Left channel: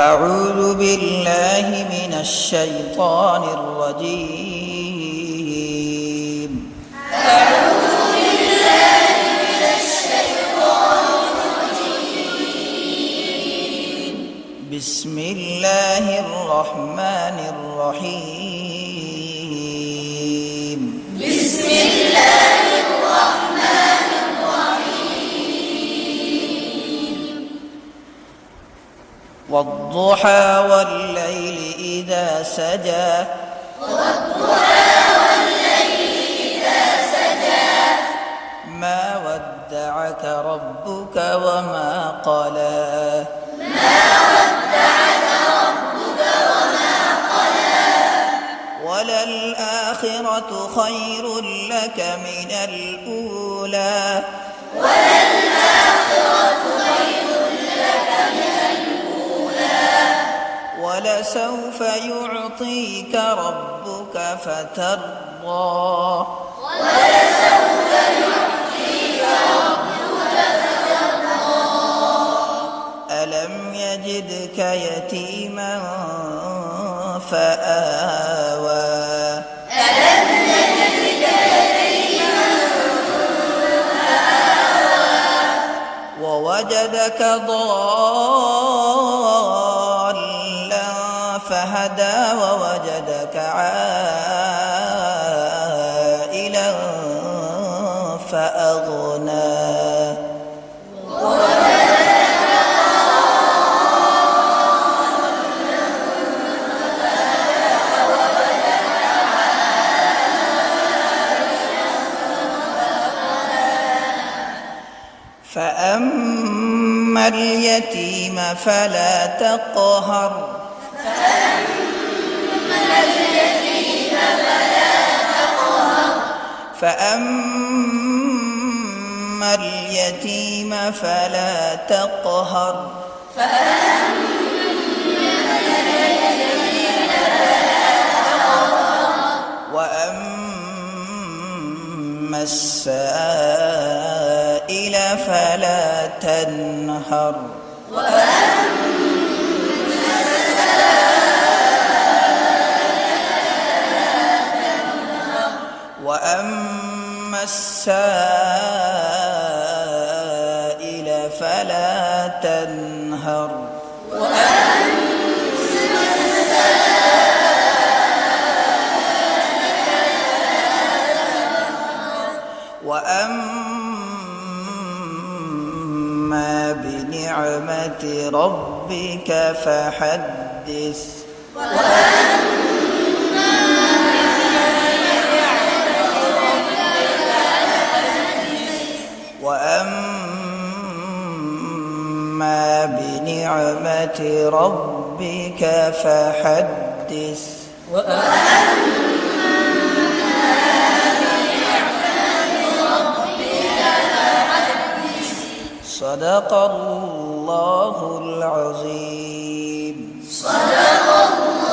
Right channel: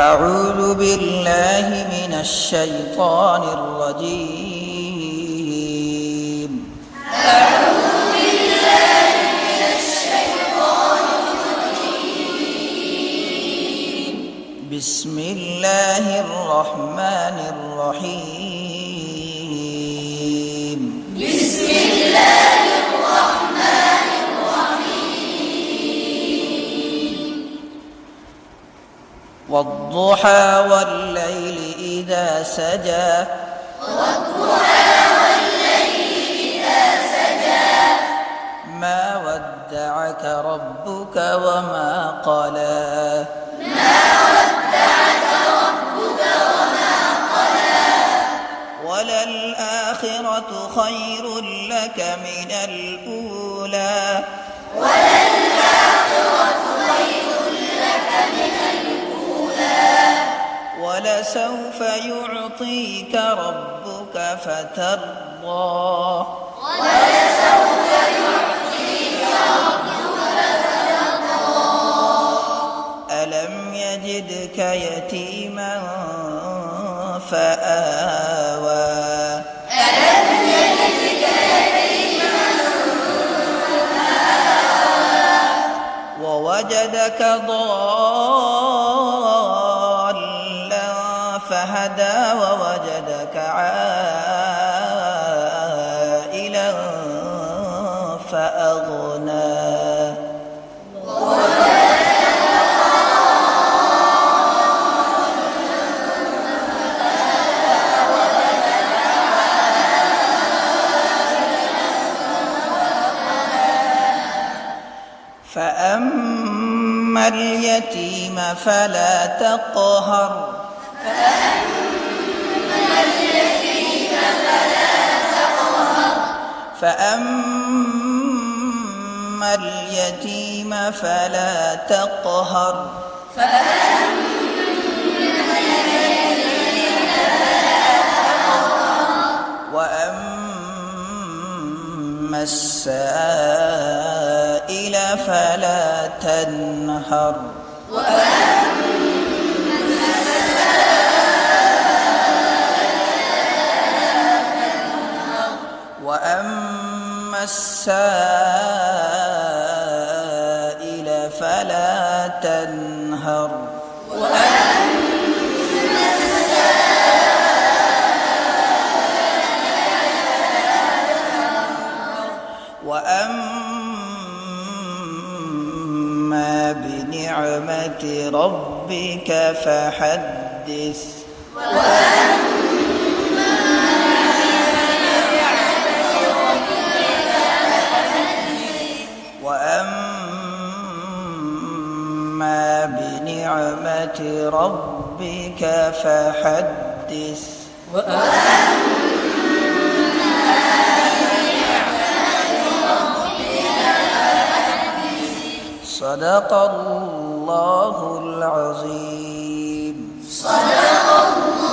أعوذ بالله من الشيطان الرجيم. أعوذ بالله من الشيطان الرجيم. بسم الله الرحمن الرحيم. بسم الله الرحمن الرحيم. والضحى والليل إذا سجى. والضحى والليل إذا سجى. ما ودعك ربك وما قلى. ما ودعك ربك وما قلى. وللآخرة خير لك من الأولى. وللآخرة خير لك من الأولى. ولسوف يعطيك ربك فترضى. ولسوف يعطيك ربك فترضى. ألم يجدك يتيما فآوى. ألم يجدك يتيما فآوى. ووجدك ضالا فهدى. ووجدك عائلا فأغنى. فأما اليتيم فلا تقهر. فأما اليتيم فلا تقهر. فأما اليتيم فلا تقهر. فأما اليتيم فلا تقهر. وأما السائل فلا تنهر. وأما السائل فلا تنهر. وأما بنعمة ربك فحدث. وأما بنعمة ربك فحدث. صدق الله العظيم. صدق الله